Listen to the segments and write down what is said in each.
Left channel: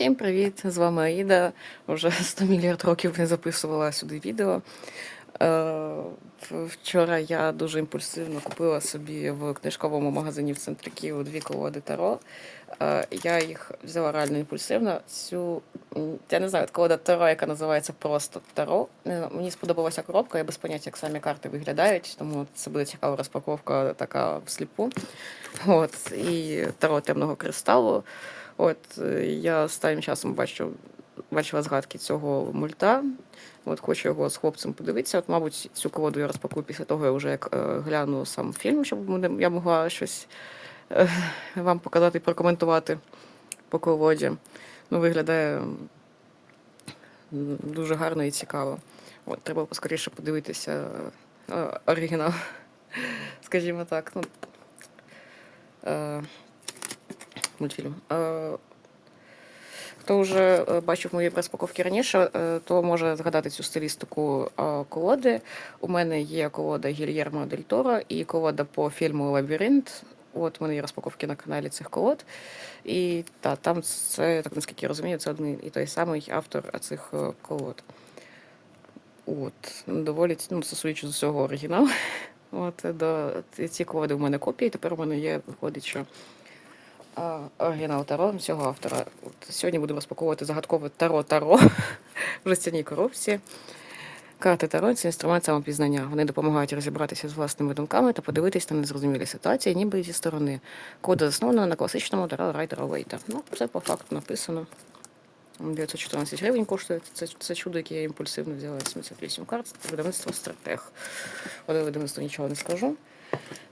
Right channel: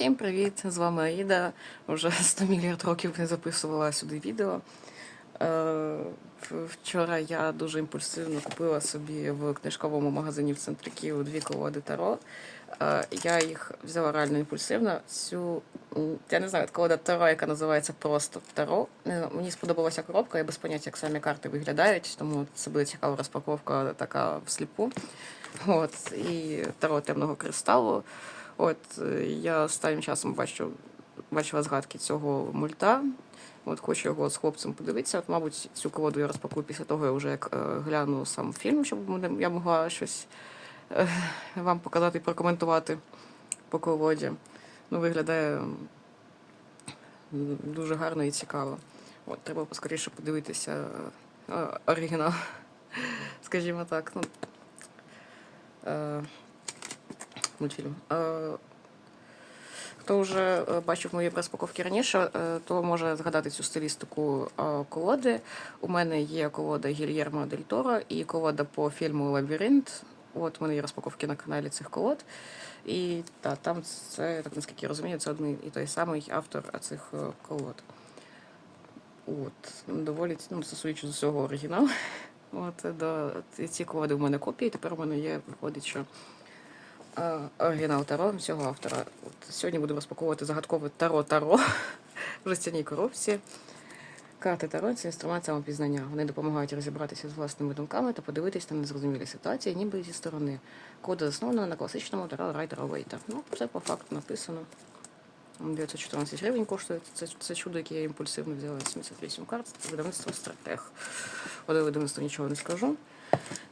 Всім привіт! З вами Аїда. Вже 100 мільярд років не записувала сюди відео. Е, Вчора я дуже імпульсивно купила собі в книжковому магазині в центрі Києва дві колоди Таро. Е, Я їх взяла реально імпульсивно. Цю я не знаю, колода Таро, яка називається просто Таро. Мені сподобалася коробка, я без поняття, як самі карти виглядають, тому це буде цікава розпаковка така всліпу. От, і Таро темного кристалу. От е, я останнім часом бачу, бачила згадки цього мульта. От хочу його з хлопцем подивитися. От, мабуть, цю колоду я розпакую після того, я вже як е, гляну сам фільм, щоб я могла щось е, вам показати і прокоментувати по колоді. Ну, виглядає дуже гарно і цікаво. От, треба поскоріше подивитися оригінал, скажімо так. Ну, мультфільм. Е, Хто вже е, бачив мої розпаковки раніше, е, то може згадати цю стилістику колоди. У мене є колода Гільєрмо Дель Торо і колода по фільму Лабіринт. От у мене є розпаковки на каналі цих колод. І та, там це, так наскільки я розумію, це один і той самий автор цих колод. От, доволі ну, судячи з усього оригінал. От, до, ці колоди у мене копії, тепер у мене є, виходить, що оригінал Таро цього автора. От, сьогодні буду розпаковувати загадкове Таро Таро в жестяній коробці. Карти Таро це інструмент самопізнання. Вони допомагають розібратися з власними думками та подивитись на незрозумілі ситуації, ніби зі сторони. Кода заснована на класичному Таро Райдера Вейта. Ну, це по факту написано. 914 гривень коштує це, це чудо, яке я імпульсивно взяла 78 карт. Видавництво стратег. Але видавництво нічого не скажу.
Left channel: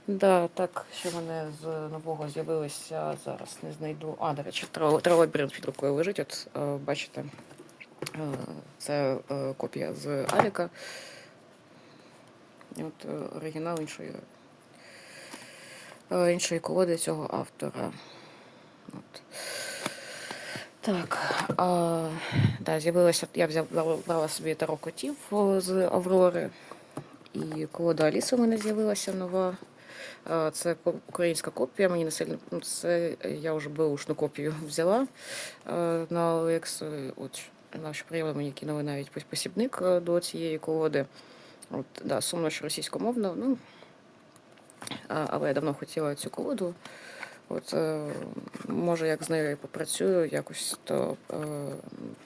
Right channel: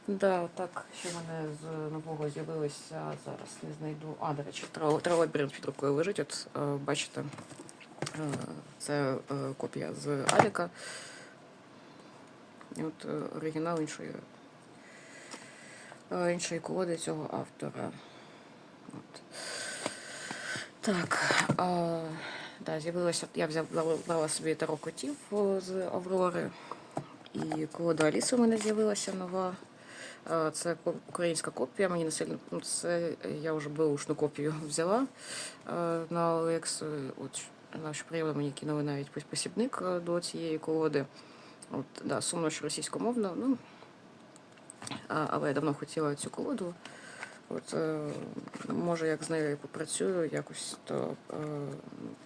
Да, так, що в мене з нового з'явилося, зараз не знайду. А, до речі, тролобіринг під рукою лежить. От е, бачите, е, це е, копія з Аліка. От оригінал іншої, іншої колоди цього автора. От. Так, а, да, з'явилося, я брала собі таро котів з Аврори. І колода Аліси у мене з'явилася нова. Це українська копія. Мені не сильно ну, це я вже беушну копію взяла на Олекс. От наші прийняли мені кинули навіть посібник до цієї колоди. От, да, сумно, що російськомовно, ну але я давно хотіла цю колоду. От, е, може, як з нею попрацюю якось, то е,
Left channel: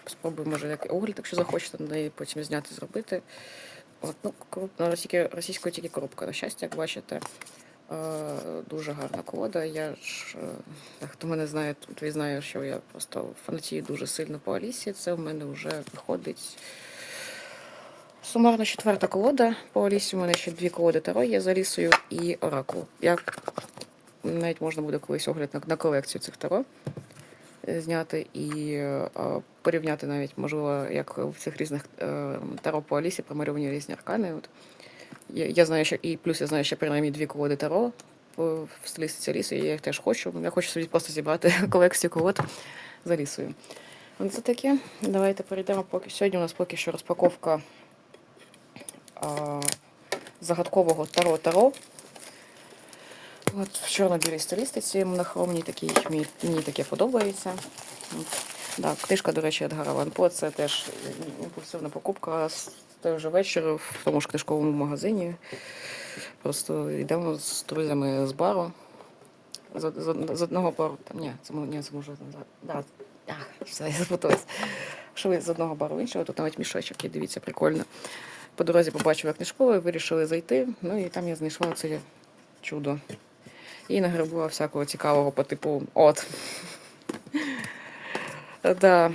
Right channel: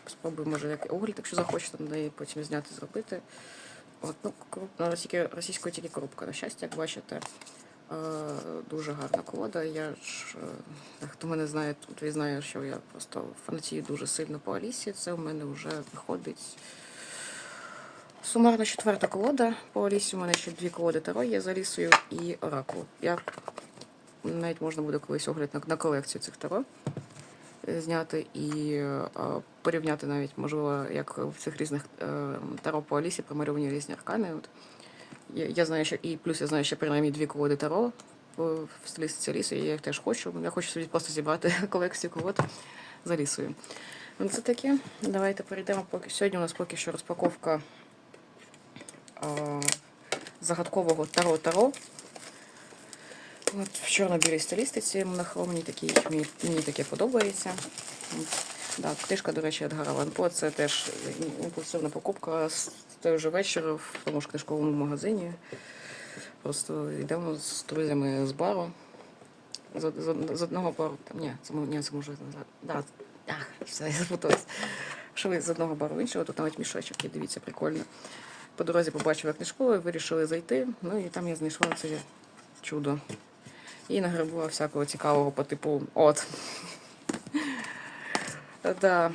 спробую, може, як огляд, якщо захочете, на неї потім зняти, зробити. Ну, крупна, тільки російською тільки коробка, на щастя, як бачите. Е, дуже гарна колода. Я ж, е, хто мене знає, той знає, що я просто фанатію дуже сильно по Алісі. Це в мене вже виходить. Сумарно четверта колода. По Алісі у мене ще дві колоди Таро є з Алісою і Оракул. Я навіть можна буде колись огляд на, на колекцію цих таро зняти і е, порівняти навіть, можливо, як в цих різних е, таро по Алісі промалювані різні аркани. От. Я, я знаю, що і плюс я знаю, що принаймні дві колоди таро в, стилістиці Аліси, і я їх теж хочу. Я хочу собі просто зібрати колекцію колод з Алісою. Ну, Це таке. Давайте перейдемо поки. Сьогодні у нас поки що розпаковка а, загадкового таро-таро. От в чорно-білій стилістиці монохромній такій, мені, мені таке подобається. Да, книжка, до речі, Едгара Ван це теж імпульсивна покупка з той же вечір в тому ж книжковому магазині. Просто йдемо з друзями з бару. З, з, з одного бару. Там, ні, це, ні, це може назад. Да, да, все, я запуталась. Що ви з одного бару іншого, тут навіть мішочок є, дивіться, прикольно. По дорозі побачила книжковий, вирішили зайти. Ну і там я знайшла це чудо. І нагребла всякого цікавого по типу от. Да.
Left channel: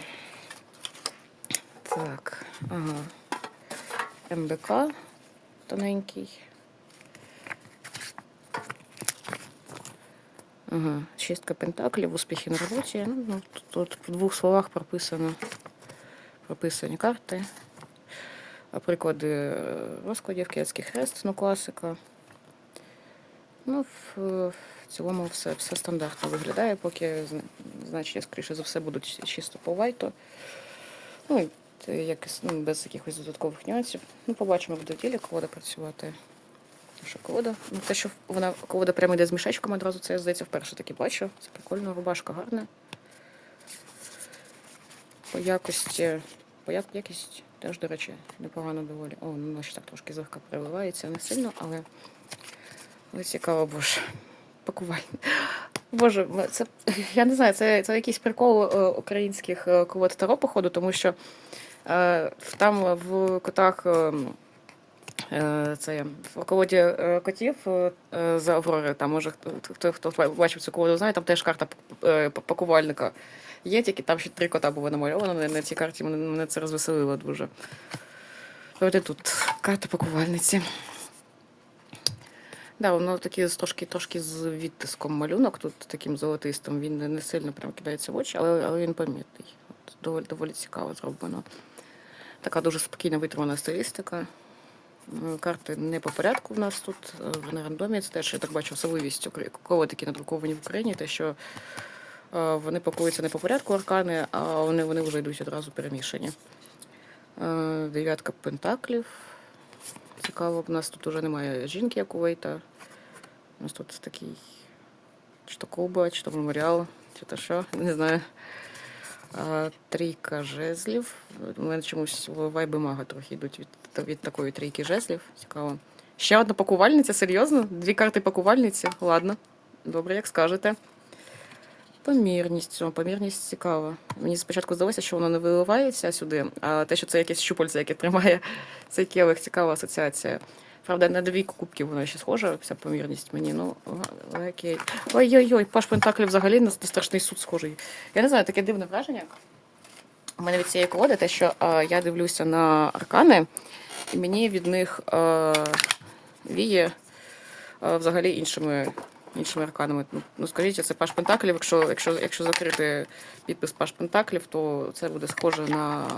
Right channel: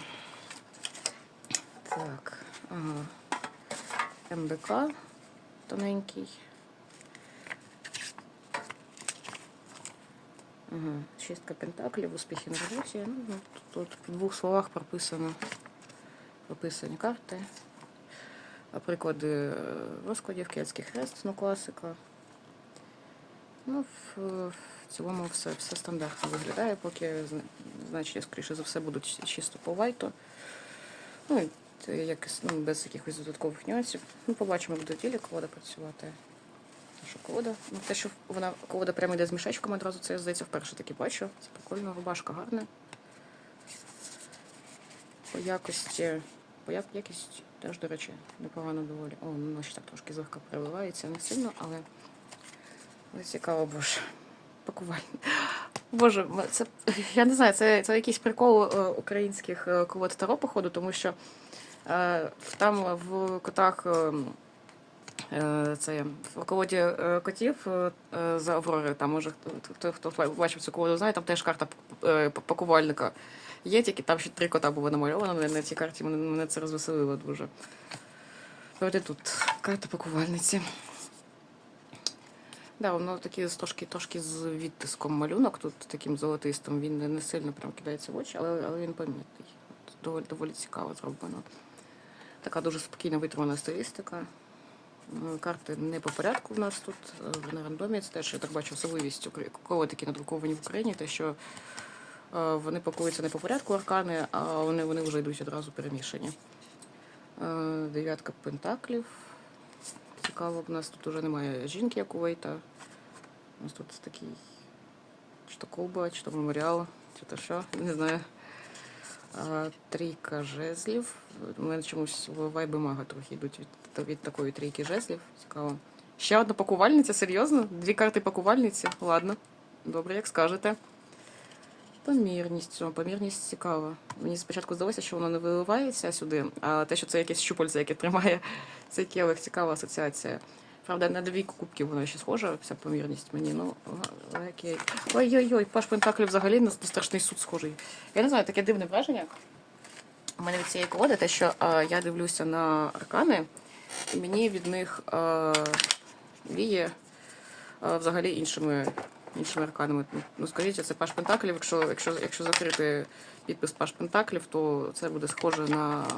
Так. Ага. МБК тоненький. Ага. Шістка пентаклів, успіхи на роботі. Ну, ну, тут, в двох словах прописано. Прописані карти. А приклади е, розкладів, київський хрест, ну класика. Ну, в, в цілому все, все стандартно виглядає, поки зна- значення, скоріше за все, будуть чисто по вайту. Ну, і це ну, без якихось додаткових нюансів. Ну, побачимо, як буде ділі колода працювати. Що колода? Ну, те, що вона колода прямо йде з мішечком одразу, це я здається вперше таки бачу. Це прикольно, рубашка гарна. По якості. По як, якість теж, до речі, непогано доволі. О, ну ще так трошки злегка переливається, не сильно, але, але цікаво, боже. Пакування. Боже, це я не знаю, це, це якийсь прикол е, українських е, колод Таро, походу, тому що е, там в котах. е, Це в колоді котів е, за Аврори, там може хто, хто, бачив цю колоду, знає, там теж карта пакувальника. Є тільки там ще три кота було намальовано на- цій карті, мене, це розвеселило дуже. От тут карта пакувальниці. Да, воно такі трошки, трошки з відтиском малюнок, тут таким золотистим. Він не- сильно прям кидається в очі, але, але він помітний. Доволі, доволі цікаво зроблено. Така дуже спокійна витримана стилістика. Е, Карти не по порядку в нас тут, е, на рандомі. Це теж, я так бачу, особливість такі надруковані в Україні, те, що е, вони пакуються не по порядку аркани, а вони, вони вже йдуть одразу перемішані. Дев'ятка пентаклів. Цікаво, в нас тут вже немає жінки, як у Вейта. У нас тут такий чи то Куба, чи то меморіал, чи то що, не знаю. А, трійка жезлів. У мене чомусь вайби мага трохи йдуть від, від такої трійки жезлів. Цікаво. Ще одна пакувальниця, серйозно? Дві карти пакувальниці? Ладно. Добре, як скажете. Помірність. О, помірність цікава. Мені спочатку здалося, що воно не виливається сюди, а те, що це якесь щупальце, яке тримає цей келих, цікава асоціація. Правда, на двійку кубків вона ще схожа, ця помірність мені. Ну, окей. Ой-ой-ой, Паш Пентаклі взагалі на страшний суд схожий. Я не знаю, таке дивне враження. У мене від цієї колоди те, що а, я дивлюся на аркани, і мені від них а, віє а, взагалі іншими, іншими арканами. Ну, Ну, скажіть, це Паш Пентаклів. Якщо, якщо, якщо закрити підпис Паш Пентаклів, то це буде схоже на,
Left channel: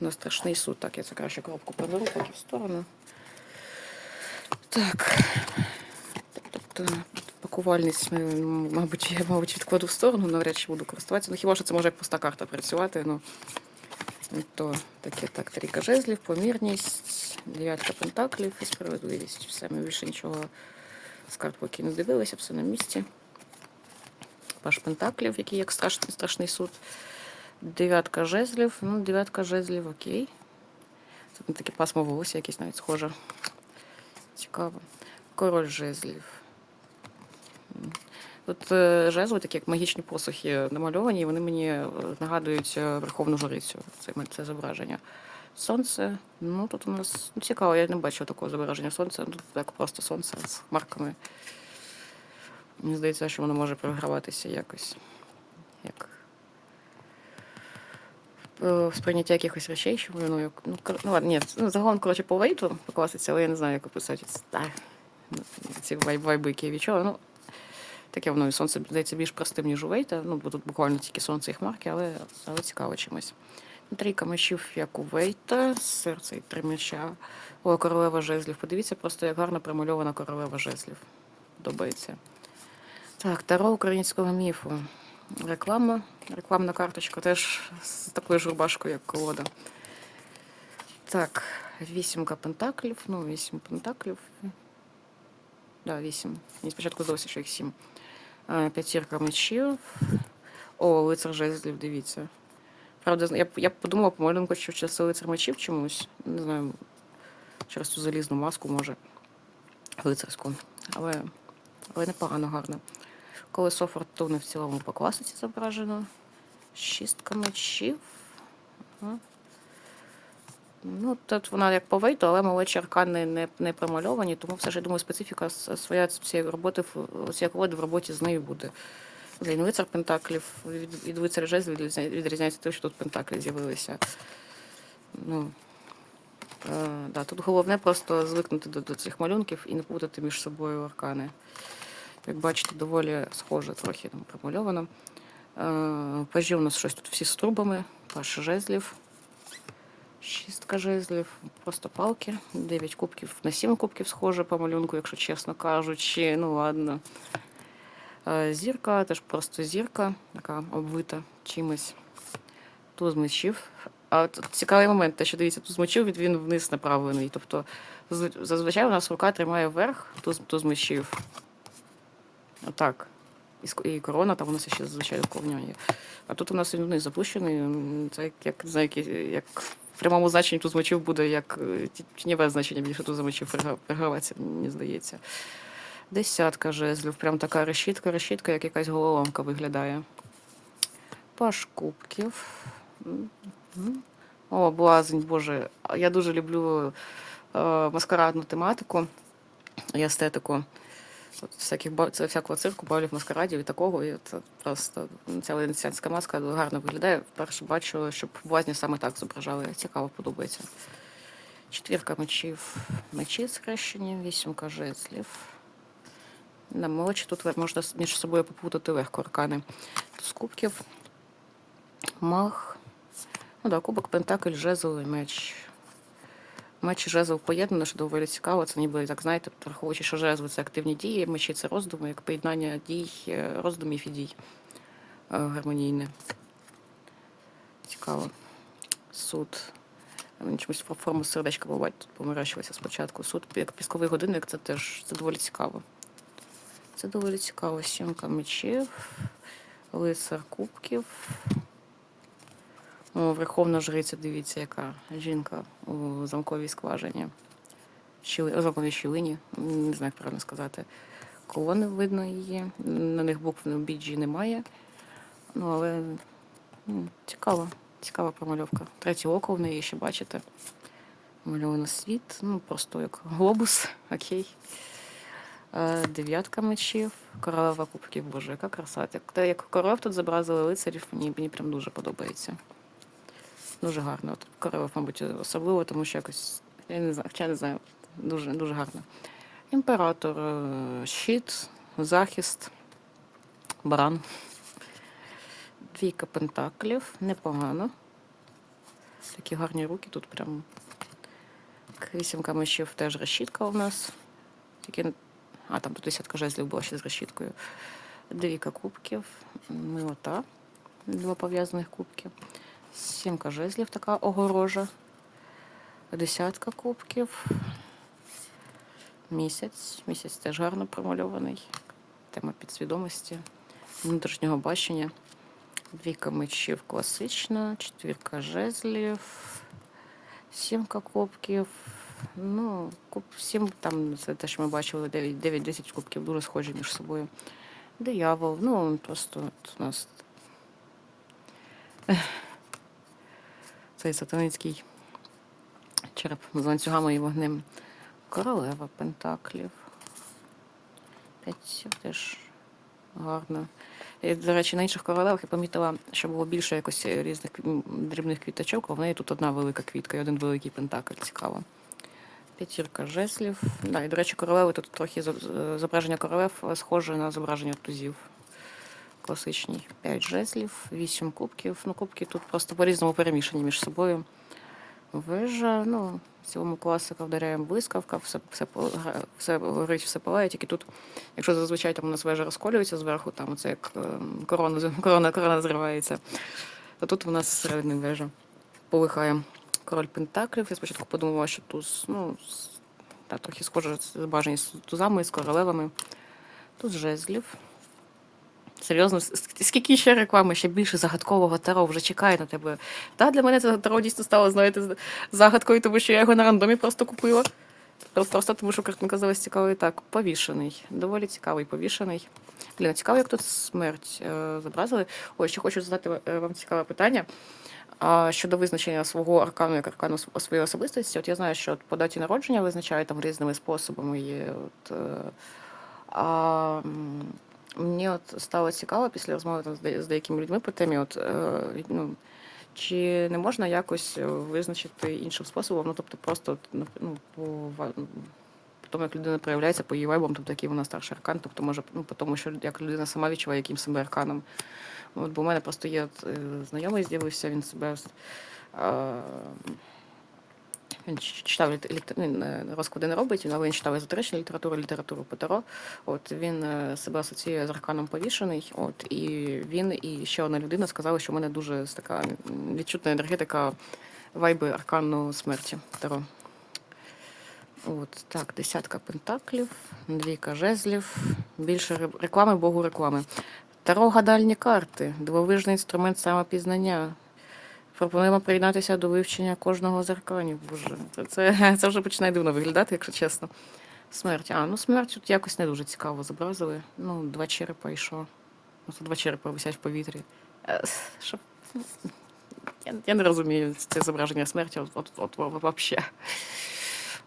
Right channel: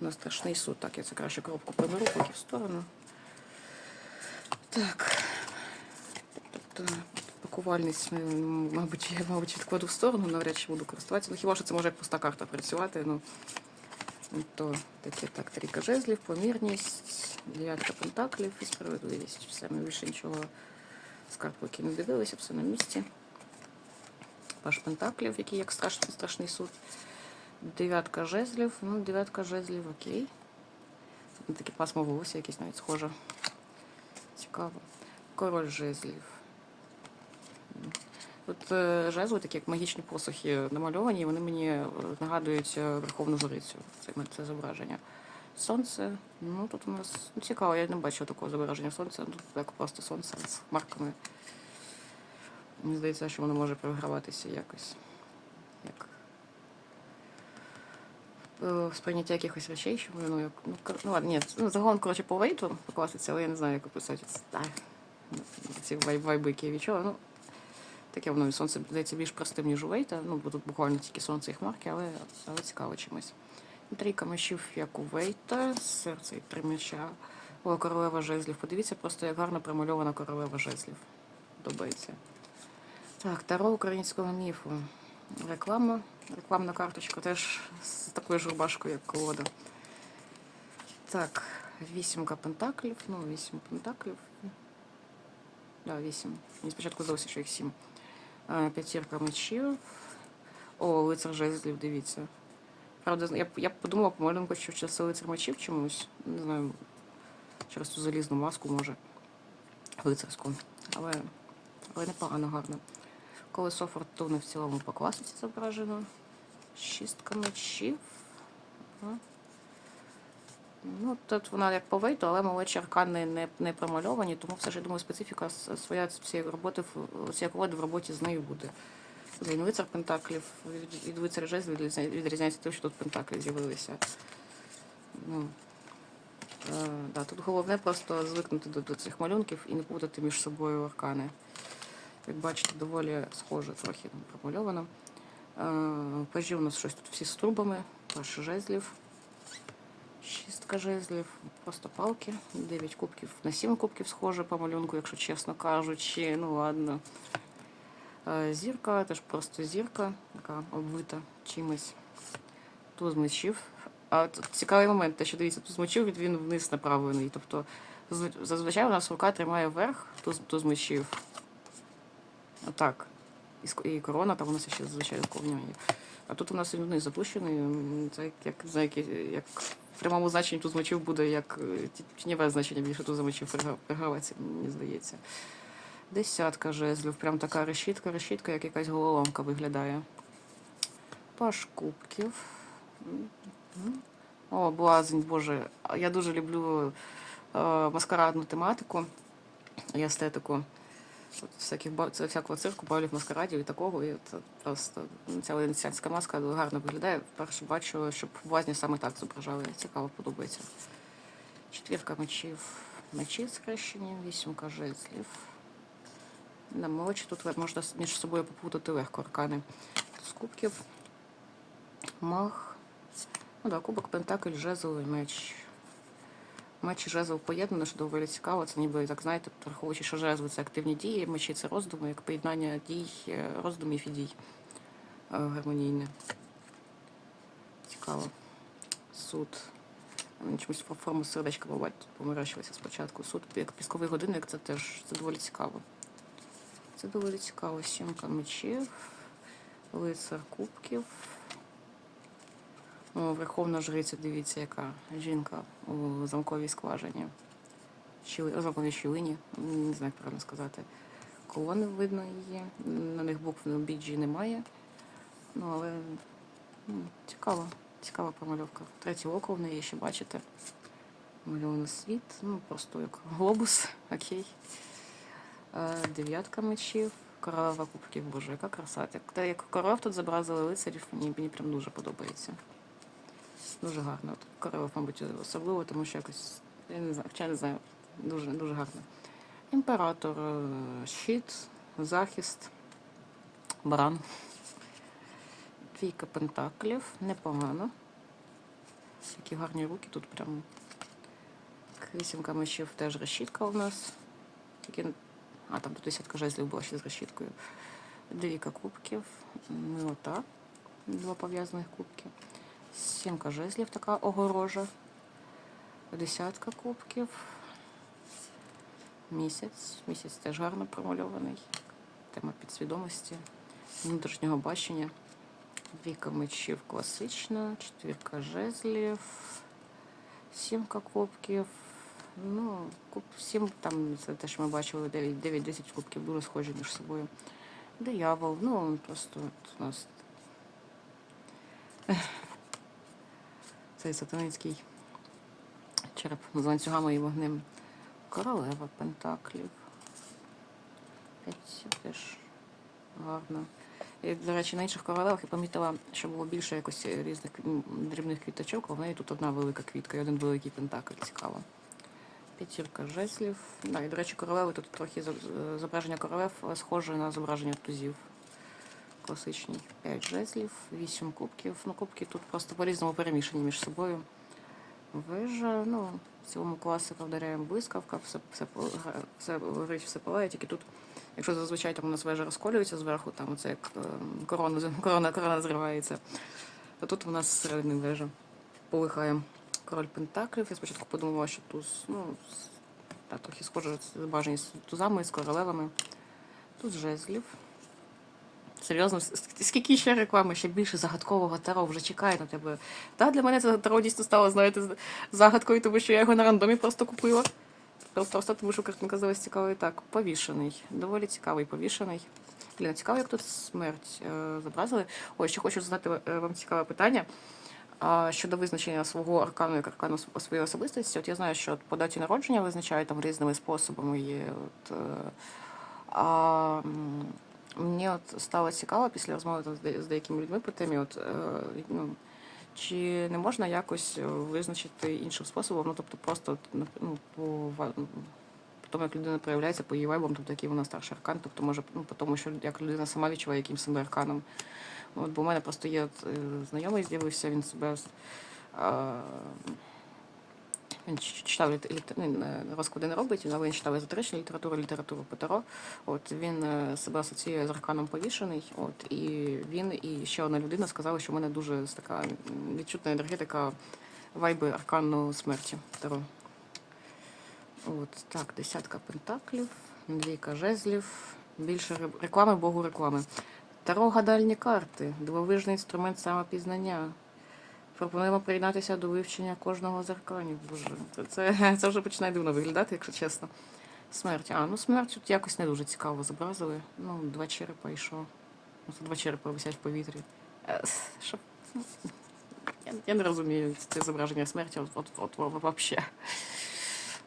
на страшний суд. Так, я це краще коробку приберу, поки в сторону. Так. Тобто, пакувальність, мабуть, я, мабуть, відкладу в сторону, навряд чи буду користуватися. Ну, хіба що це може як пуста карта працювати. Ну, Ну, то таке так, трійка жезлів, помірність, дев'ятка пентаклів і справедливість. Все, ми більше нічого з карт поки не дивилися, все на місці. Паш пентаклів, який як страшний, страшний суд. Дев'ятка жезлів. Ну, дев'ятка жезлів, окей. Це таке пасмо волосся, якесь навіть схоже. Цікаво. Король жезлів. Тут е, жезли, такі як магічні посухи намальовані, і вони мені е, нагадують е, Верховну Жрицю. Це, це зображення. Сонце. Ну тут у нас ну, цікаво, я не бачила такого зображення сонця. Тут так просто сонце з хмарками. Мені здається, що воно може програватися якось. Як е, сприйняття якихось речей, що воно як. Ну, ну ладно, ні, ну, загалом, коротше, по вейту по класиці, але я не знаю, як описати ну, ці вайб, вайби, відчула. Ну, таке воно і сонце здається більш простим, ніж у Вейта. Ну, бо тут буквально тільки сонце і хмарки, але, але цікаво чимось. Трійка мечів, як у Вейта, серце і три меча. О, королева жезлів. Подивіться просто, як гарно промальована королева жезлів. Подобається. Так, таро українського міфу. Реклама. Рекламна карточка теж з такою ж рубашкою, як колода. Так, вісімка пентаклів. Ну, вісім пентаклів. Да, вісім. Мені спочатку здалося, що їх сім. Е, П'ятірка мечів. О, лицар жезлів, дивіться. Правда, я, я подумала по малюнку, що це лицар мечів чомусь. Не знаю, через ту залізну маску, може. Лицарську. Але, але непогано гарно. Колесо фортуни в цілому по класиці зображено. Шістка мечів. Ну, тут вона як по вейту, але молодші аркани не, не промальовані, тому все ж я думаю, специфіка своя цієї роботи, колоди в роботі з нею буде. Блін, лицар пентаклів від, лицаря жезлів відрізняється тим, що тут пентаклі з'явилися. Ну, е, да, тут головне просто звикнути до, до цих малюнків і не путати між собою аркани. Як бачите, доволі схоже трохи там промальовано. Е, Пажі у нас щось тут всі з трубами, паш жезлів. Шістка жезлів, просто палки. Дев'ять кубків на сім кубків схоже по малюнку, якщо чесно кажучи. Ну ладно. Е, Зірка, теж просто зірка, така обвита чимось. Туз мечів. А от цікавий момент, те, що дивіться, мечів від він вниз направлений. Тобто зазвичай у нас рука тримає вверх туз мечів. Отак. і корона, там у нас ще зазвичай є. А тут у нас він вниз запущений. Це як, знаю, як, як в прямому значенні тут змочив буде як е, тіньове значення більше тут замочив переграватися, мені здається. Десятка жезлів, прям така решітка, решітка, як якась головоломка виглядає. Паш кубків. О, блазень, боже. Я дуже люблю е, маскарадну тематику і естетику. Всяких, всякого цирку, балів маскарадів і такого. І це просто ну, ця венеціанська маска гарно виглядає. Вперше бачу, щоб блазні саме так зображали. Цікаво подобається. Четвірка мечів. Мечі схрещені, вісімка жезлів. На мелочі тут можна між собою попутати легко аркани. З кубків. Мах. Ну да, кубок, пентакль, жезл і меч. Меч і жезл поєднано, що доволі цікаво. Це ніби, так знаєте, враховуючи, що жезл це активні дії, мечі це роздуми, як поєднання дій, е, роздумів і дій е, гармонійне. Цікаво. Суд. Чомусь фо- форму сердечка бувають тут помиращилися спочатку. Суд як пісковий годинник, це теж це доволі цікаво. Це доволі цікаво. Сімка мечів, лицар кубків. О, Верховна жриця, дивіться, яка жінка у замковій скважині. Щіли, замковій щілині, не знаю, як правильно сказати. Колони видно її. На них букв на біджі немає. Ну, але цікаво, цікава промальовка. Третє око в неї ще бачите. Мальований світ, ну просто як глобус, окей. Е, Дев'ятка мечів, королева кубків, боже, яка краса. Те, як королев тут зобразили лицарів, мені, мені прям дуже подобається. Дуже гарно. От королев, мабуть, особливо, тому що якось, я не знаю, я не знаю, дуже, дуже гарно. Імператор, е, щит, захист, баран. Двійка пентаклів, непогано. Такі гарні руки тут прям. Вісімка мечів теж решітка у нас. Тільки... А, там тут десятка жезлів була ще з решіткою. Двійка кубків, милота, два пов'язаних кубки. Сімка жезлів, така огорожа. Десятка кубків. Місяць. Місяць теж гарно промальований. Тема підсвідомості, внутрішнього бачення. Двійка мечів класична, четвірка жезлів, сімка кубків. Ну, куб, сім, там це те, що ми бачили, 9-10 кубків дуже схожі між собою. Диявол, ну просто от у нас цей сатаницький череп з ланцюгами і вогнем. Королева Пентаклів. П'ять теж гарно. І, до речі, на інших королевах я помітила, що було більше якось різних дрібних квіточок, а в неї тут одна велика квітка і один великий пентакль. Цікаво. П'ятірка жеслів. Да, і, до речі, королеви тут трохи зображення королев е, схоже на зображення тузів. Класичні. П'ять жезлів, вісім кубків. Ну, кубки тут просто по-різному перемішані між собою. Вежа, ну, в цілому класика вдаряємо блискавка, все, все, все горить, все палає, тільки тут, якщо зазвичай там у нас вежа розколюється зверху, там оце як ем, корона, корона, корона зривається, то тут у нас зсередини вежа полихає. Король Пентаклів. Я спочатку подумала, що туз, ну, та, трохи схоже зображення з тузами, з королевами. Тут жезлів. Серйозно, скільки ще реклами, ще більше загадкового таро вже чекає на тебе. Та для мене це таро дійсно стало, знаєте, загадкою, тому що я його на рандомі просто купила. Просто, тому, що картинка здалась цікавою. Так, повішений. Доволі цікавий повішений. Блін, цікаво, як тут смерть е, зобразили. Ой, ще хочу задати е, вам цікаве питання. Щодо визначення свого аркану як аркану св- своєї особистості, от я знаю, що по даті народження визначають там різними способами. Є, от, е, а, мені от стало цікаво після розмови з деякими людьми по темі, от, е, ну, чи не можна якось е, визначити іншим способом, ну тобто просто ну, по тому, як людина проявляється по її вайбам, тобто який вона старший аркан, тобто може ну, по тому, що як людина сама відчуває яким себе арканом. От, бо в мене просто є от, е, знайомий з'явився, він себе. А, він читав ну, не- розклади не робить, але він читав езотеричну літературу, літературу по. От він е, себе асоціює з арканом повішений. От і він і ще одна людина сказали, що в мене дуже така відчутна енергетика вайби аркану смерті Таро. От так, десятка пентаклів, Двійка жезлів. Більше реклами, богу реклами. Таро гадальні карти. Дивовижний інструмент самопізнання. Пропонуємо приєднатися до вивчення кожного з арканів. Боже, це, це, це вже починає дивно виглядати, якщо чесно. Смерть. А, ну смерть тут якось не дуже цікаво зобразили. Ну, два черепа і що? Ну, тут два черепа висять в повітрі. Е, Що? Я, я не розумію це зображення смерті, от, от, от, от вообще.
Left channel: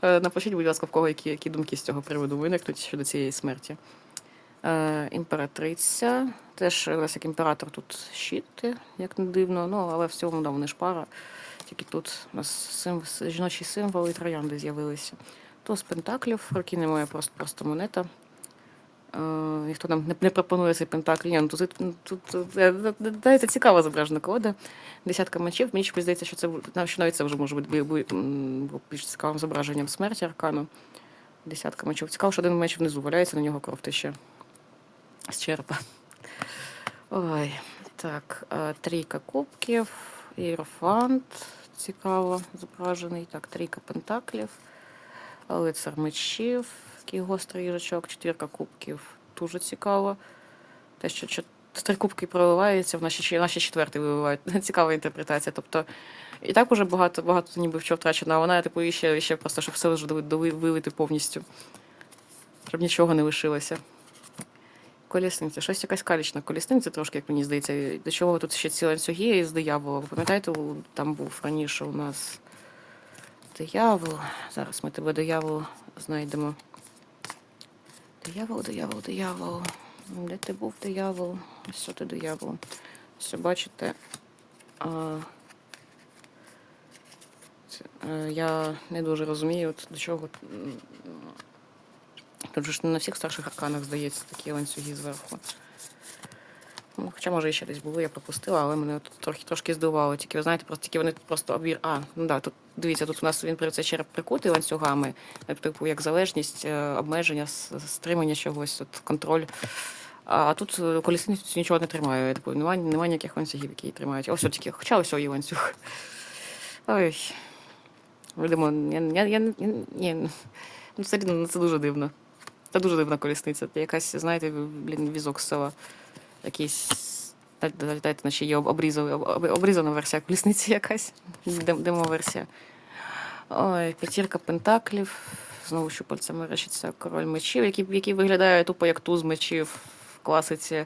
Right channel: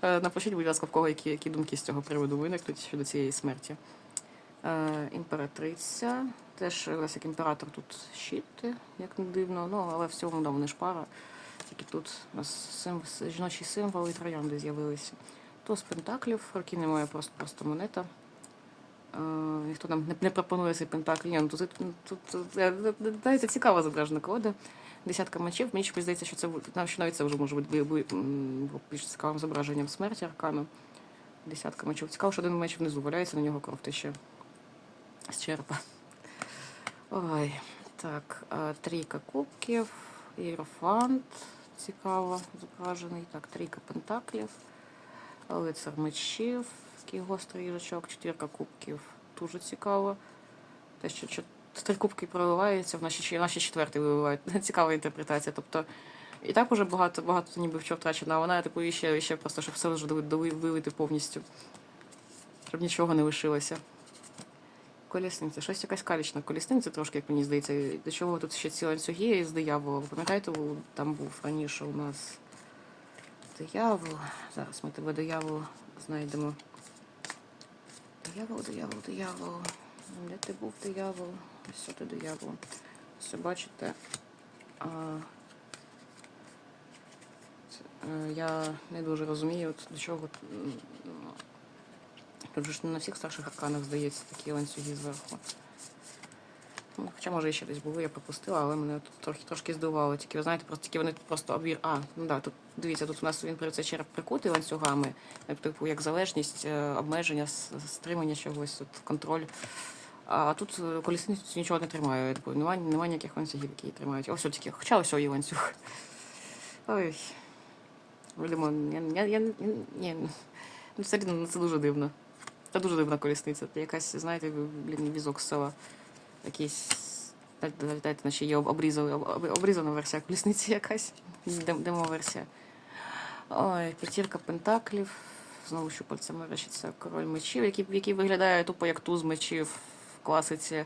Е, Напишіть, будь ласка, в кого які, які думки з цього приводу виникнуть щодо цієї смерті. Е, імператриця. Теж як імператор тут щити, як не дивно, ну, але в цілому да, вони ж пара. Тільки тут у нас сим, жіночі символи і троянди з'явилися. Туз пентаклів, роки немає просто, просто монета. Е, ніхто нам не, пропонує цей пентакль. Ні, ну, тут, тут, е, це цікава зображена колода. Десятка мечів. Мені чомусь здається, що це що навіть це вже може бути більш цікавим зображенням смерті аркану. Десятка мечів. Цікаво, що один меч внизу валяється, на нього кров тече з черепа. Ой, так, трійка кубків, іерофант, цікаво зображений. Так, трійка пентаклів, лицар мечів, такий гострий їжачок, четвірка кубків, дуже цікаво. Те, що три кубки проливаються, в наші, наші четвертий виливають. Цікава інтерпретація. Тобто, і так уже багато, багато ніби що втрачено, а вона типу і ще, ще просто, щоб все вже вилити повністю. Щоб нічого не лишилося. Колісниця, щось якась калічна колісниця, трошки, як мені здається. До чого тут ще ці ланцюги з диявола. Пам'ятаєте, там був раніше у нас диявол. Зараз ми тебе диявол знайдемо. Диявол, диявол, диявол. Де ти був диявол? Ось ти диявол? Все бачите. А, е, я не дуже розумію, до чого. Тут ж не на всіх старших арканах, здається, такі ланцюги зверху. Ну, хоча, може, ще десь були, я пропустила, але мене от трохи трошки здивувало. Тільки, ви знаєте, просто тільки вони просто обір. А, ну да, тут дивіться, тут у нас він при череп прикутий ланцюгами, типу, як залежність, е, обмеження, стримання чогось, от, контроль. А тут е, колісницю нічого не тримає. Немає, немає ніяких ланцюгів, які її тримають. Ось тільки, хоча ось є ланцюг. Ой. Видимо, я, я, я, я, ні, ну, це, ну, це дуже дивно. Це дуже дивна колісниця. Це якась, знаєте, блін, візок з села. Якийсь. Дайте, наче є обрізали, об- об- обрізана версія колісниці якась. Дем- Демо-версія. Ой, п'ятірка пентаклів. Знову щупальця мерещиться король мечів, який, який виглядає тупо як туз мечів в класиці.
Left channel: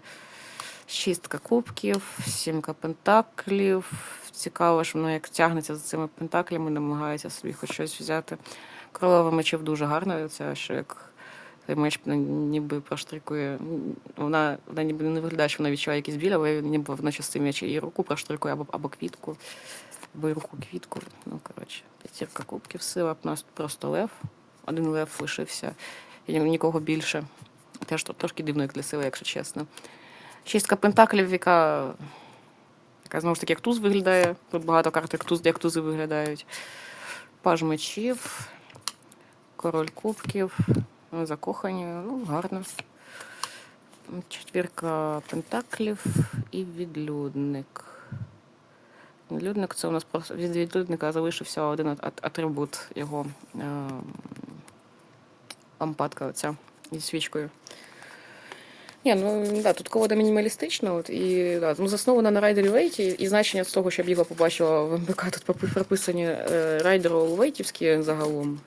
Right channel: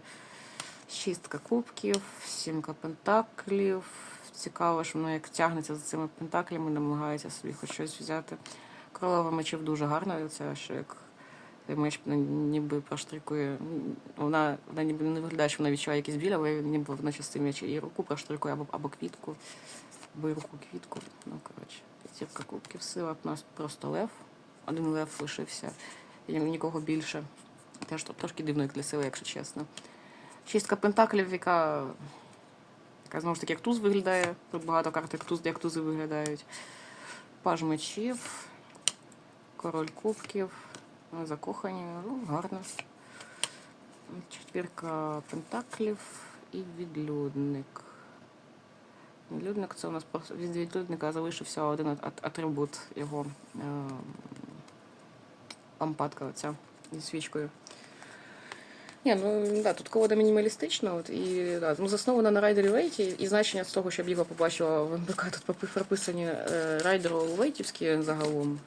Шістка кубків, сімка пентаклів. Цікаво, що воно як тягнеться за цими пентаклями, намагається собі хоч щось взяти. Королева мечів дуже гарна, це що як цей меч ну, ніби проштрикує. Вона, вона ніби не виглядає, що вона відчуває якийсь біль, але ніби вона частин меч і руку проштрикує або, або квітку, або руку квітку. Ну, коротше, п'ятірка кубків, сила. Нас просто лев. Один лев лишився, і нікого більше. Теж трошки дивно, як для сили, якщо чесно. Шістка пентаклів, яка, яка знову ж таки як туз виглядає. Тут багато карт, як, туз, як тузи виглядають. Паж мечів, король кубків, ну, закохані, ну, гарно. Четвірка пентаклів і відлюдник. Відлюдник це у нас просто від відлюдника залишився один ат- ат- атрибут його е, лампадка оця зі свічкою. Ні, ну да, тут колода мінімалістична, от, і да, ну, заснована на райдері Вейті, і значення з того, щоб його побачила в МБК, тут прописані е, райдери Вейтівські загалом.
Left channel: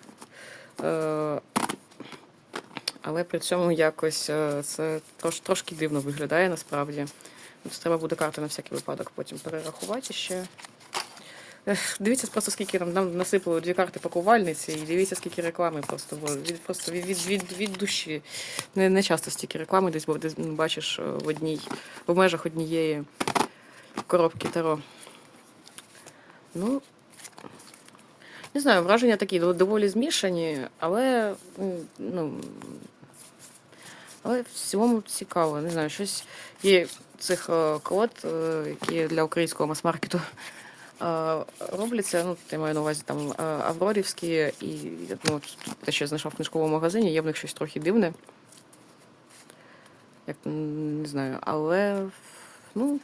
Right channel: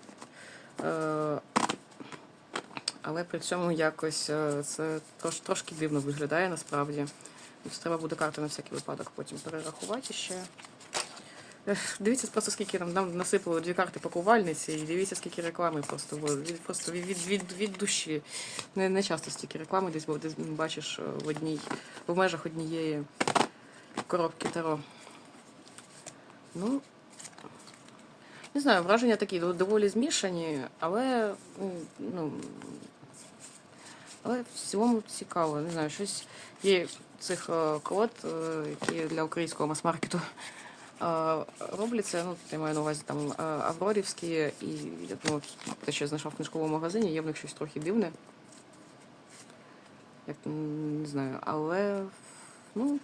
Е, але при цьому якось е, це трош, трошки дивно виглядає насправді. Треба буде карту на всякий випадок потім перерахувати ще. Дивіться просто, скільки нам, нам насипали дві карти пакувальниці, і дивіться, скільки реклами просто, від, просто від, від, від, від душі. Не, не часто стільки реклами десь, десь бачиш е, в одній, в межах однієї коробки Таро. Ну, не знаю, враження такі доволі змішані, але ну, але в цілому цікаво. Не знаю, щось є цих е, колод, е, які для українського мас-маркету е, робляться. Ну, я маю на увазі там Аврорівські і ну, те, що я знайшов в книжковому магазині, є в них щось трохи дивне. Як не знаю, але ну,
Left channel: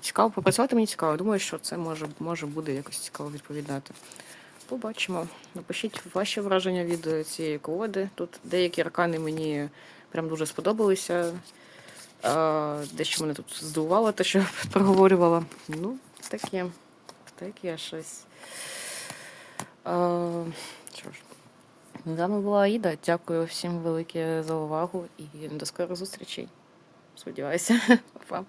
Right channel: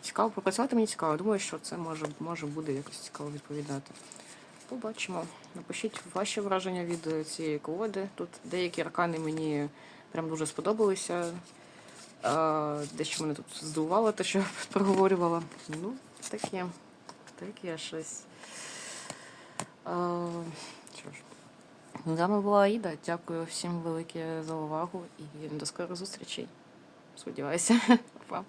цікаво попрацювати мені цікаво. Думаю, що це може, може буде якось цікаво відповідати. побачимо. Напишіть ваші враження від цієї колоди. Тут деякі аркани мені прям дуже сподобалися. А, дещо мене тут здивувало, те, що проговорювала. Ну, таке. Таке щось. Що ж. З вами була Аїда. Дякую всім велике за увагу і до скорих зустрічей. Сподіваюся. Па.